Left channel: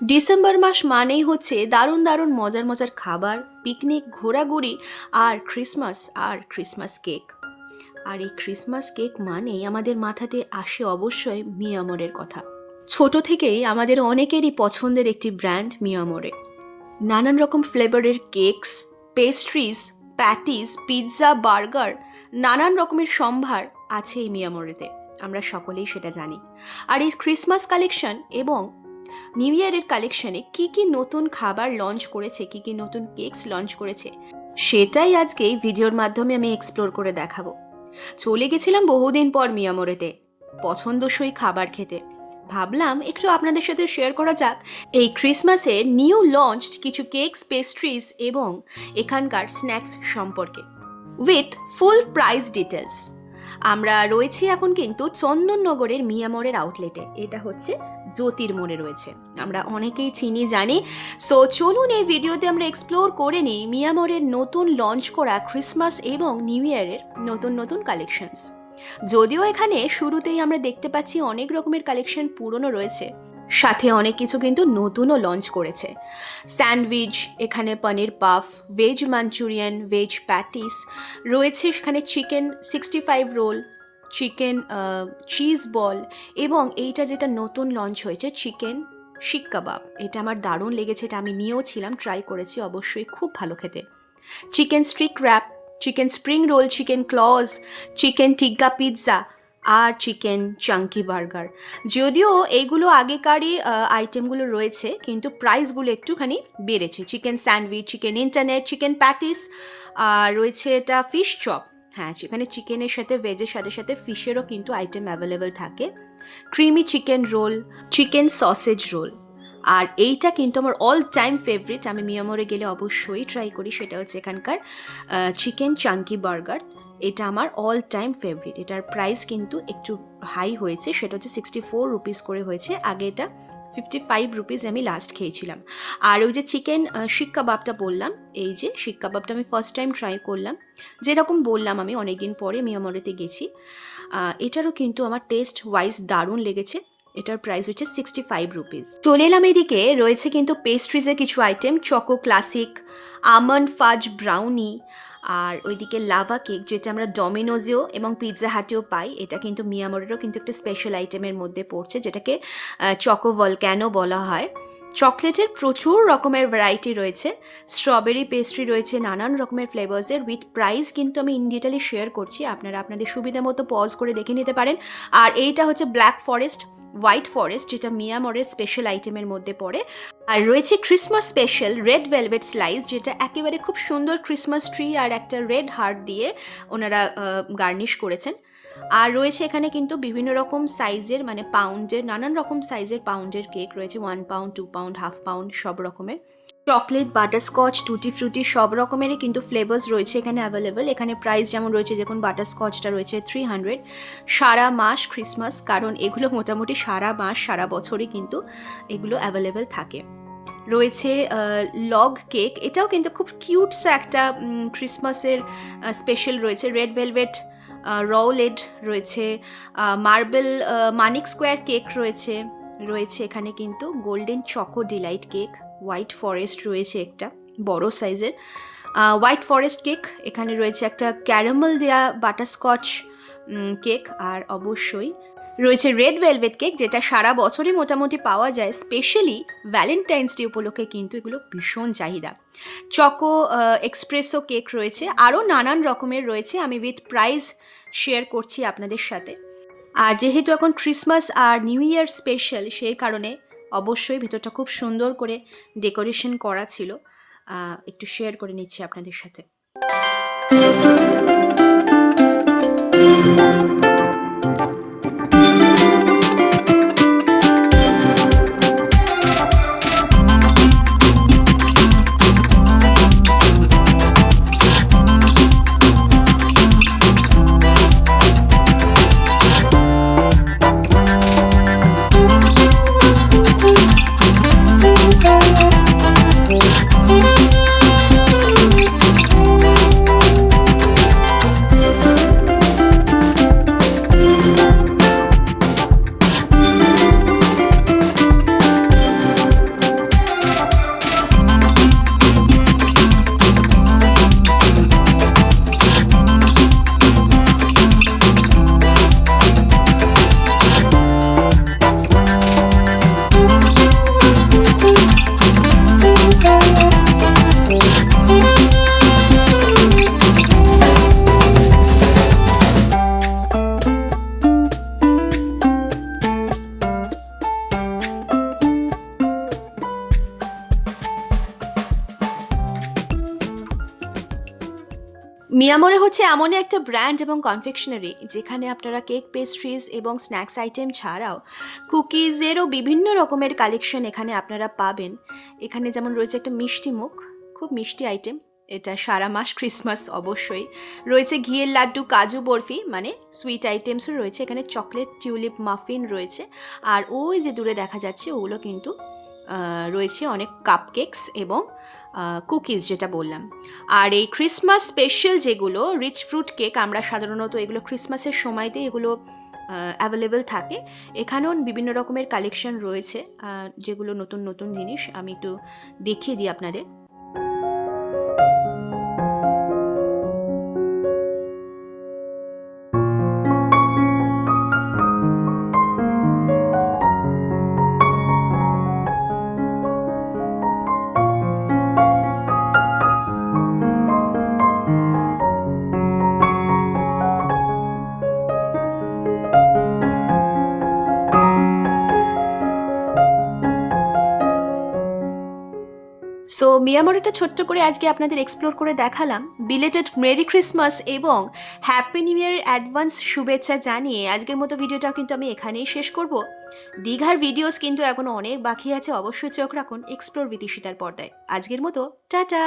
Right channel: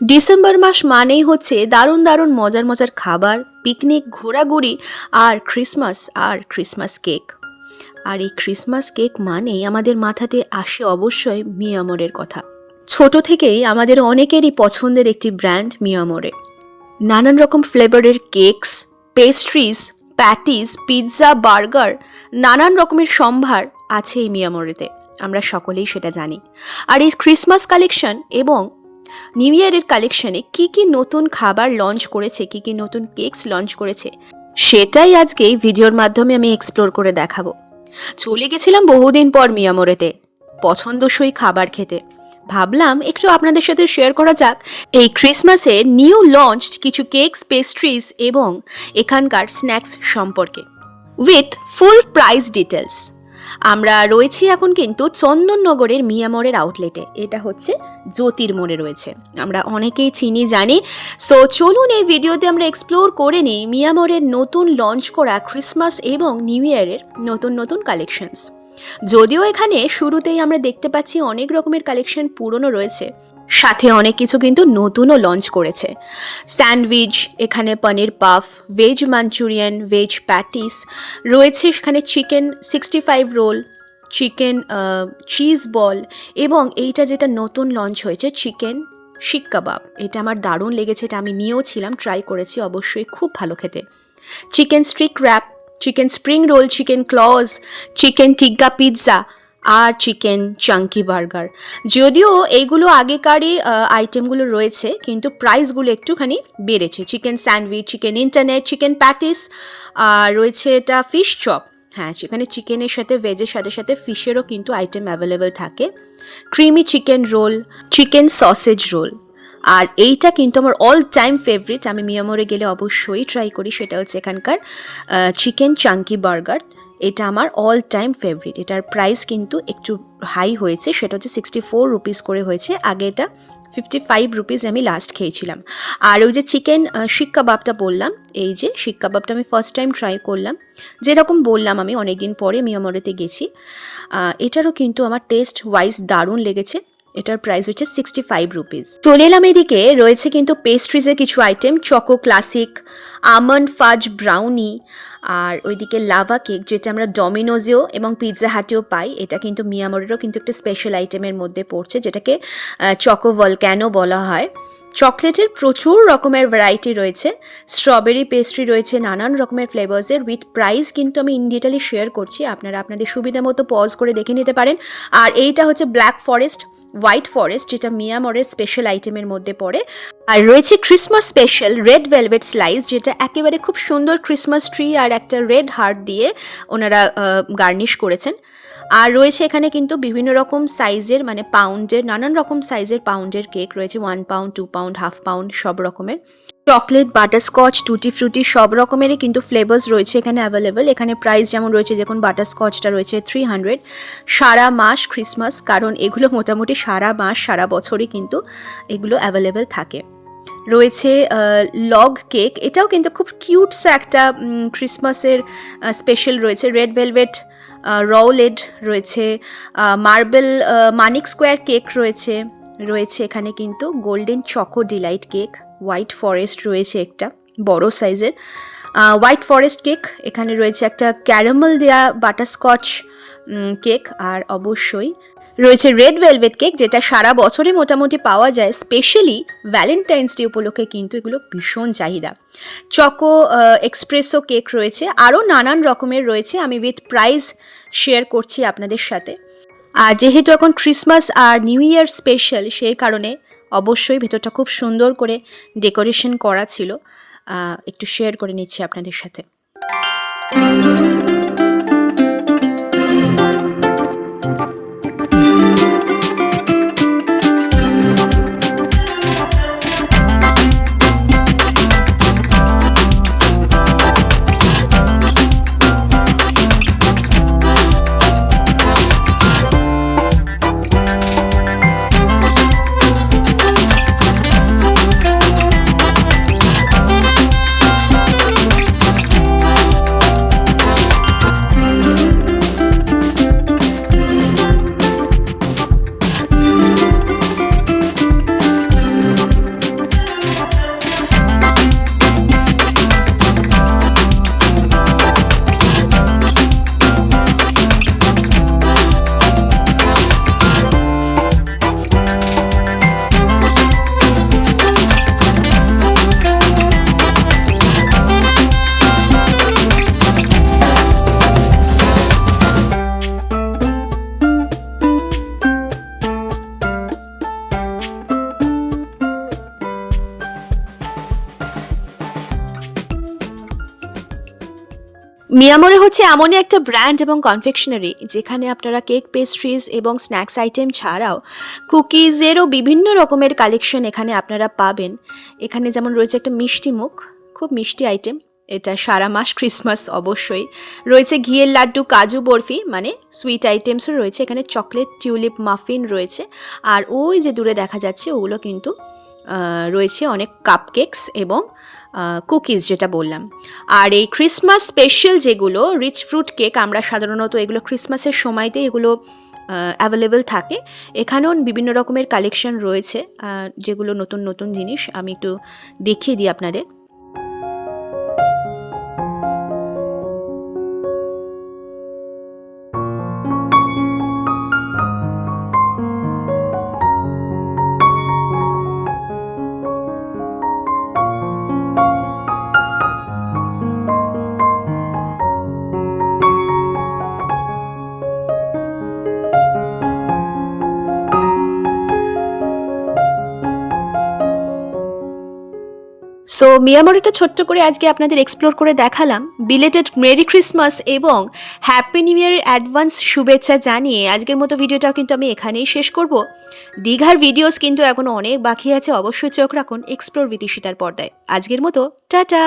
December মাস মানেই হচ্ছে দারুণ দারুণ মজার মজার খাবার, পিকনিক, ঘোরাঘুরি আর ক্রিসমাস কেক। আর এই ক্রিসমাস কেক মানেই আমাদের মাথাতে আসে অবশ্যই মিয়ামরের কথা। ছোট থেকেই আমাদের অনেকেরই পছন্দের একটি ব্র্যান্ড মিয়ামরে। নানান রকম ফ্লেভারের cakes, pastries, patties, pizza, burger, নানান রকমের সম্ভার আছে এই মিয়ামরেতে। আমরা সকলেই সেটা জানি। আর এই ক্রিসমাস কালেকশন এবং নিউ ইয়ারের কালেকশনে কি কি নতুন খাবার লঞ্চ করেছে, কি কি নতুন কেকস লঞ্চ করেছে, সেটাই আজকে এই ভিডিওর মাধ্যমে আমি এক্সপ্লোর করে দেখাবো। চলে গেছিলাম বহুদিন পর মিয়ামরেতে পছন্দসই খাবার খেতে। ভাবলাম একটু আপনাদের সাথে শেয়ার করা যাক এই ক্রিসমাসে নিউ লঞ্চড কিছু কেকস, পেস্ট্রিজ এবং এখানকার স্ন্যাক্স সম্পর্কে উইথ ফুল প্রাইস ডিটেলস। আমরা রয়েছি এখন কিন্তু চন্দননগরের মিয়ামরের আউটলেটে। এটা হচ্ছে জ্যোতির্মোড়ে রয়েছে, আমরা অনেকেই চিনি জানি। সো চলুন এই ভিডিওতে আমরা এক্সপ্লোর করে নিই মিয়ামরের নতুন লঞ্চ করা ক্রিসমাস এবং নিউ ইয়ারের নতুন নতুন কালেকশনস। যদিও এখানে শুরুতেই আমরা দেখতে পাচ্ছি অনেক রকমের কালেকশন পুরনো রয়েছে, সাথে অনেক কিছু কিন্তু নতুনও লঞ্চ করেছে। স্যান্ডউইচ, এখানে paneer puff, veg Manchurian, veg patties রয়েছে, সেখানে chicken 65 roll, chicken cheese ball এবং এইটা যেটা নতুন লঞ্চ হয়েছে চিকেন শিক কাবাব। এটা আমার দারুণ লেগেছে, এটা আমি নিয়েও ছিলাম, ট্রাই করেছি, অবশ্যই খুব ভালো খেতে। Chicken streak wrap, chicken spring roll, chicken ক্লজ, চিকেন টিক্কা পিৎজা আর চিকেন চাঙ্কি বার্গার। যদিও এইগুলো আগেকারই আইটেমগুলো রয়েছে, কিন্তু প্রাইসগুলো একটুখানি বেড়েছে। Chicken sandwich, chicken internet, chicken patties, আর রয়েছে এটা ফিশ চপ। হ্যাঁ, সেখানে চিকেনের সাথে ভেজের সাথে সাথে ফিশেরও কিন্তু আইটেম অ্যাভেলেবেল থাকে। Creamy chicken roll, chicken sausage roll. আর এইটা কিন্তু আমার অল টাইম ফেভারিট, আমি মিয়ামরে গেলে অবশ্যই ট্রাই করি, সেটা হচ্ছে এখানকার চিকেন চাঙ্কি বার্গার। এটা আমার অল টাইম ফেভারিট। এটার প্রাইস কিন্তু একটু হাই হয়েছে, সেটা হচ্ছে 64 রুপিস করে হয়েছে। আগে এটা 55 রুপিস আমি লাস্ট খেয়েছিলাম। আর ওই যে চিকেন শিক কাবাবটা বললাম, এই যে শিক কাবাবটা আমি ফার্স্ট টাইম ট্রাই করলাম। যেরকম বললাম আমি অনেকদিন পরে মিয়ামরেতে গেছি, এটারও কিন্তু আমার টেস্ট ওয়াইজ দারুণ লেগেছে। এটার প্রাইস হচ্ছে 65 রুপিস। চলে এলাম এদিকে, রয়েছে কিন্তু পেস্ট্রিজের কিছু আইটেম, চকো ক্লাসিক, আমন্ড ফাজ ব্রাউনি, আর ওইদিকে লাভা কেক, যেটা আমরা ডমিনোজেও এবং পিৎজা হাটেও পাই। এটা কিন্তু মিয়ামরেরও কিন্তু একটা স্পেশাল আইটেমের মধ্যে পড়ছে, যেটাকে চকো ভলক্যানো বলা হয়। চকলেটের প্রচুর রকমের ভ্যারাইটি রয়েছে, স্ট্রবেরি পেস্ট্রি রয়েছে, নানান রকমের ফ্লেভার্সের। উইথ প্রাইস কিন্তু আমি ইন ডিটেলে শেয়ার করছি, আপনারা আপনাদের সুবিধা মতো পজ করে দেখে নিতে পারেন। আর এইটা হচ্ছে ব্ল্যাক ফরেস্ট, হোয়াইট ফরেস্ট, যেটা মিয়ামরের স্পেশাল আইটেমের মধ্যে পড়ে। আর রয়েছে Christmas special red velvet slice, যেটা একেবারে খুব সুন্দর ক্রিসমাস ট্রি আর একটা রেড হার্ট দিয়ে ওনারা গার্নিশ করেছেন। আর রয়েছে এখানে কিন্তু বিভিন্ন রকম সাইজের, মানে পাউন্ডের, নানান রকম সাইজের পাউন্ডের কেক রয়েছে, 1 পাউন্ড, 2 পাউন্ড, হাফ পাউন্ড, সব রকমের। চকলেট, বাটারস্কচ, টুটি ফ্রুটি সব রকমেরই কিন্তু ফ্লেভার্স রয়েছে এখানে অ্যাভেলেবেল। এখানে প্রাইস যেমন রয়েছে, দেখুন বাটারস্কচটা রয়েছে 300 সারা মাস ক্রিসমাস, কারণ এগুলো মোটামুটি সারা মাস সারা বছরই কিন্তু এগুলো অ্যাভেলেবেল থাকে। রয়েছে লগ কেক, এটাও কিন্তু খুব কিউটসা একটা ক্রিসমাসের স্পেশাল রয়েছে। রেড ভেলভেট রোলেড রয়েছে, মার্বেল মানিক স্কোয়ার কেক রয়েছে। রয়েছে এখানে কিন্তু golden choco Deloitte cake, white forest রয়েছে একটা বড় সাইজের হোয়াইট ফরেস্ট কেক। এখানে রয়েছে একটা ক্যারামেল দেয়া বাটারস্কচ কেক, আর অবশ্যই রয়েছে রেড ভেলভেট কেক, যেটা সারা বছরই মোটামুটি পাওয়া যায়, স্পেশালি ভ্যালেন্টাইন্স ডে উপলক্ষে কিন্তু এগুলো ভীষণ চাহিদা। চকো এক্সপ্রেসো কেক রয়েছে, আরও নানান রকমের রয়েছে, আমি উইথ প্রাইস শেয়ার করছি আপনাদের সাথে। আর যেহেতু এখন ক্রিসমাস আর নিউ ইয়ার স্পেশাল, সেই কারণে অবশ্যই ভেতরটা খুব সুন্দর করে ডেকোরেশন করা ছিল, একটু শেয়ার করে নিচ্ছি আপনাদের সাথে। মিয়ামোরে হচ্ছে এমনই একটা ব্র্যান্ড এবং কনফেকশনারি যেখানে আপনারা কেক, পেস্ট্রিজ এবং স্ন্যাক্স আইটেম ছাড়াও কুকিজেরও বিভিন্ন রকমের কালেকশন এখানে আপনারা পাবেন। এখানে যেমন রয়েছে একটা মিষ্টি মুখ, খুব মিষ্টি আইটেম, এটা সারা মাস ক্রিসমাস অবশ্যই। রয়েছে ঘিয়ের লাড্ডু, কাজু বরফি মানে সুইট আইটেমসও রয়েছে, এখানে চকলেট টিউলিপ মাফিন রয়েছে। আর ওই যে দূরে দেখা যাচ্ছে ওগুলো কিন্তু রয়েছে অনেক কাপকেকস এবং কুকিজ যেটা বললাম। আর এই ক্রিসমাস স্পেশাল যেগুলো রিচ ফ্রুট কেক, আমরা সাধারণত এগুলো ক্রিসমাসের সময়তে এগুলো অ্যাভেলেবেল থাকে। এখানেও বিভিন্ন রকমের কালেকশন রয়েছে, যেগুলো নতুন নতুন জিনিস আমি একটু দেখিয়ে দিই আপনাদের। সো মিয়ামরিটা ছোট্ট করে আজকে আপনাদের এক্সপ্লোর করে দেখালাম। বিলেটেড মেরি ক্রিসমাস এবং হ্যাপি নিউ ইয়ারের অ্যাডভান্স শুভেচ্ছা জানিয়ে আজকের মতো ভিডিওটাও কিন্তু আমি এখানেই শেষ করব। দীঘার ভিডিওস কিন্তু এখনও অনেক বাকি আছে, অবশ্যই চোখ রাখুন এক্সপ্লোর উইথ ঈশিতার পর্দায়। আজকের মতো টাটা।